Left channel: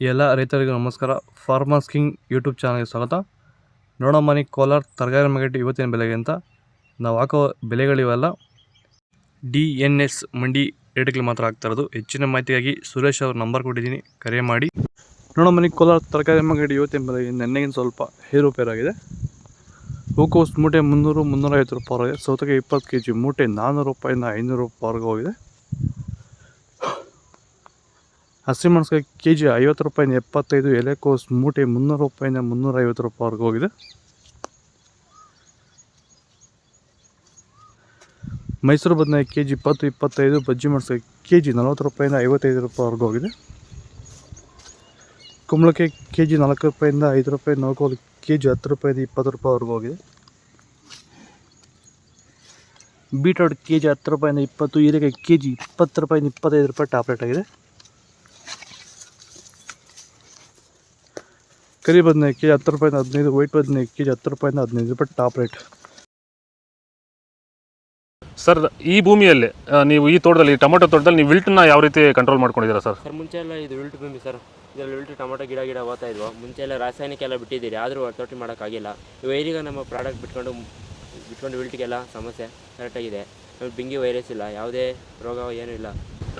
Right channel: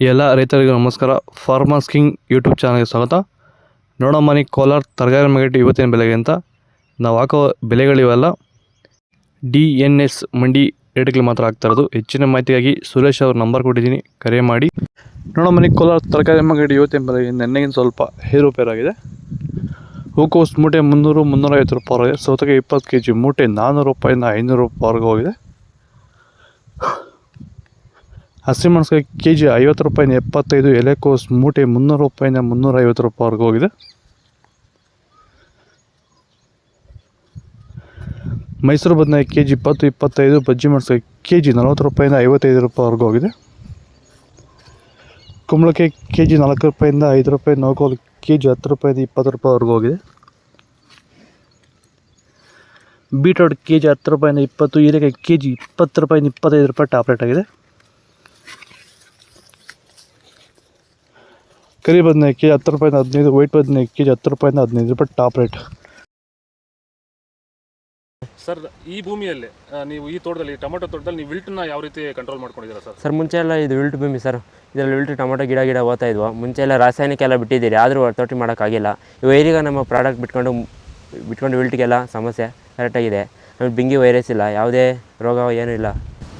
ಎಲ್ಲ ರೈತರಿಗೂ ನಮಸ್ಕಾರ. ಫಾರ್ಮರ್ಸ್ ಕಿಂಗ್ ಯೂಟ್ಯೂಬ್ ಚಾನಲ್ಗೆ ಸ್ವಾಗತ. ನೋಡೋ ಮನೆ ಕೋಲಾರ ತರಕಾರಿ ಮಾರ್ಕೆಟ್ ಇವತ್ತಿನ ಬೆಲೆಗೆ ಅಂತ ನಾವು ಹಾಕೋ ಬೆಲೆಗಳಿವೆಲ್ಲ DNS ಮಂಡಿ ರೇಟ್ಗಳು ಮಾತ್ರ ಆಗ್ತಾ ಇರೋದು. ಹೆಚ್ಚಿನ ಮಾಹಿತಿಗಾಗಿ ಸುರೇಶ್ ಅವ್ರ ನಂಬರ್ ಕೊಟ್ಟಿದ್ದೀನಿ, ಕರೆ ಮಾಡಿ. ನೋಡೋ ಮನೆ ಕೋಲಾರ ತರಕಾರಿ ಮಾರ್ಕೆಟ್ ಇವತ್ತಿನ ಬೆಲೆಗೆ ನೆನ್ನೆಗಿಂತ ಸ್ವಲ್ಪ ಏರುಪೇರಾಗಿದೆ. ಹೂಕೋಸು ಮೂಟೆ 300-350 ರೂಪಾಯಿ ಆಗಿದೆ. ಸೌತೆಕಾಯಿ 20 kg ಮೂಟೆ 400 ರೂಪಾಯಿಂದ 500 ರೂಪಾಯಿವರೆಗೂ ಹೋಗಿದೆ. ಹಸಿಮೆಣಸಿನಕಾಯಿ kg 50 ರೂಪಾಯಿಂದ 75. ಎಲೆಕೋಸು ಮೂಟೆ 300 ರೂಪಾಯಿಂದ 350 ರೂಪಾಯಿವರೆಗೂ ಹೋಗಿದೆ. ಮೈಸೂರು ಬದನೆಕಾಯಿ kg 20-25. ಬಜ್ಜಿ ಮೆಣಸಿನಕಾಯಿ kg 40 ರೂಪಾಯಿಂದ 55 ರೂಪಾಯಿವರೆಗೂ ಹೋಗಿದೆ. ಕುಂಬಳಕಾಯಿ kg 4 ರೂಪಾಯಿಂದ 5 ರೂಪಾಯಿ. ನೌಕೋಲು kg 10 ರೂಪಾಯಿಂದ 20 ರೂಪಾಯಿವರೆಗೂ ಹೋಗಿದೆ. ಬೀಟ್ರೋಟ್ kg 10 ರೂಪಾಯಿಂದ 20. ಹೀರೆಕಾಯಿ kg 20 ರೂಪಾಯಿಂದ 25 ರೂಪಾಯಿ ಟಾಪ್ ರೇಟ್ ಆಗಿದೆ. ಕರಿ ಬದನೆಕಾಯಿ kg 10 ರೂಪಾಯಿಂದ 15. ವೈಟ್ ಬದನೆಕಾಯಿ kg 10 ರೂಪಾಯಿಂದ 15 ರೂಪಾಯಿ ಟಾಪ್ ರೇಟ್. ಸರ್, ಈ ಭೂಮಿಯಲ್ಲಿ ನೀವು ಈ ತೋಟದಲ್ಲಿ ಟೊಮೆಟೊ ತೋಟದಲ್ಲಿ ನೀವು ವಿಲ್ಟನ್ನ ಯಾವ ರೀತಿ ಕಂಟ್ರೋಲ್ ಮಾಡ್ಕೊಂಡಿದ್ದೀರಾ ಸರ್? ಸರ್, ಮುಂಚೆ ಎಲ್ಲ ಇದು ವಿಲ್ಟ್ ಭೂಮಿ ಸರ್. ಇದರಲ್ಲಿ ವಿಲ್ಟ್ ಟೊಮೆಟೊ ಗಿಡ ಓದ್ತಾ ಇದ್ವು. ಮುಂಚೆ ಎಲ್ಲ ರಾಸಾಯನಿಕ ಎಲ್ಲ ಬಿಟ್ಟಿದ್ದೀರಿ, ಆದರೂ ತೋಟ ಮಾಡೋಕ್ಕಾಗಿಲ್ಲ. ಈಗ ನಮ್ಮ ಪ್ರಾಡಕ್ಟ್ ಬಿಟ್ಕೊಂಡು ವಿಲ್ಟ್ಗೆಲ್ಲ ಸಮಸ್ಯೆ ಕರೆಕ್ಟಾಗಿದೆ. ಆಮೇಲೆ ಬಿಂಗಿ ವೈರಸ್ ಇಲ್ಲ, ಯಾವುದೇ ರೋಗ ಏನೂ ಇಲ್ಲ.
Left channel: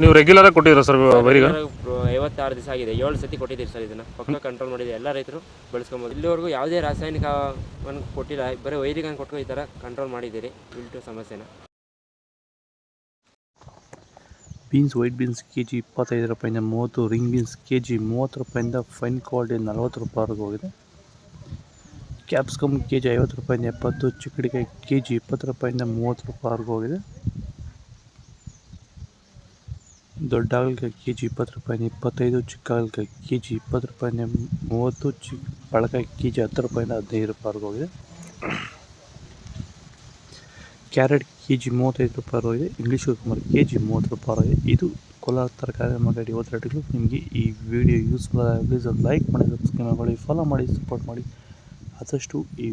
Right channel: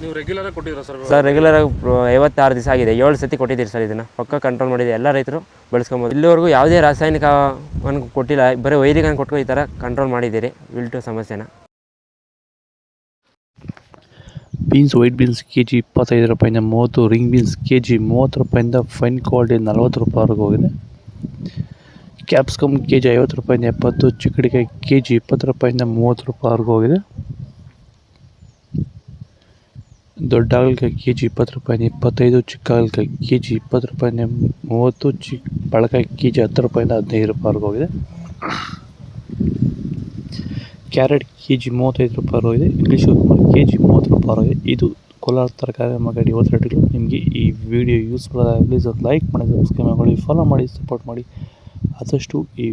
ನೀವು ರೆಗ್ಯುಲರಾಗಿ ಕೊಟ್ಟಿದ್ದೀರಾ ಸರ್? ಸರ್, ರೆಗ್ಯುಲರಾಗಿ 56 ದಿವಸ ಆಗಿದೆ. 7 ಸತಿ ಕೊಟ್ಟಿದ್ದೀರಿ ಸರ್. ಇದನ್ನು ಪಕ್ಕ ಕಂಟ್ರೋಲ್ ಮಾಡಿದೆ. ಎಲ್ಲ ರೈತರು ಬಳಸ್ಕೊಬೋದು. ಇಲ್ಲಿವರೆಗೂ ಯಾವುದೇ ರಾಸಾಯನಿಕವನ್ನು ಕೊಟ್ಟಿಲ್ಲ, ಬರೀ ವೈರಿಗನ್ನು ಕೊಟ್ಟು ಈ ಥರ ಕಂಟ್ರೋಲ್ ಮಾಡಿದ್ದೀರಿ ವಿಲ್ಟು ಸಮಸ್ಯೆನ. ಬೀನ್ಸ್ ವೈಟ್ ಬೀನ್ಸ್ kg 25 ರೂಪಾಯಿಂದ 30. ರಿಂಗ್ ಬೀನ್ಸ್ kg 30 ರೂಪಾಯಿಂದ ಫೈನ್ ಕ್ವಾಲಿಟಿ 40 ರೂಪಾಯಿವರೆಗೂ ಹೋಗಿದೆ. ಕ್ಯಾಪ್ಸಿಕಮ್ kg 50 ರೂಪಾಯಿಂದ 70. ಚಿಕ್ಕಡಿಕಾಯಿ kg 20 ರೂಪಾಯಿಂದ 30 ರೂಪಾಯಿವರೆಗೂ ಹೋಗಿದೆ. ದೊಡ್ಡ ಹಾಗಲಕಾಯಿ kg 20 ರೂಪಾಯಿಂದ 25. ಚಿಕ್ಕ ಹಾಗಲಕಾಯಿ kg 20 ರೂಪಾಯಿಂದ 30. ಬಳಕಾಯಿ kg 10 ರೂಪಾಯಿಂದ 15 ರೂಪಾಯಿವರೆಗೂ ಹೋಗಿದೆ. ಕ್ಯಾರೆಟ್ kg 35 ರೂಪಾಯಿ ಹೋಗಿದೆ. ಇಂಗ್ಲೀಷ್ kg 30 ರೂಪಾಯಿ. ಇದು ಕೋಲಾರ ತರಕಾರಿ ಮಾರ್ಕೆಟ್ ಇವತ್ತು ರೇಟ್ಗಳು. ನಿಮಗೆ ಈ ವಿಡಿಯೋ ಯೂಸ್ಫುಲ್ ಆಗಿ ಪ್ಲೀಸ್ ಒಂದು ಲೈಕ್ ಮಾಡಿ, ಸಬ್ಸ್ಕ್ರೈಬ್ ಮಾಡಿ, ಫಾಲೋ ಮಾಡಿ, ಸಪೋರ್ಟ್ ಮಾಡಿ. ಆದಷ್ಟು ಈ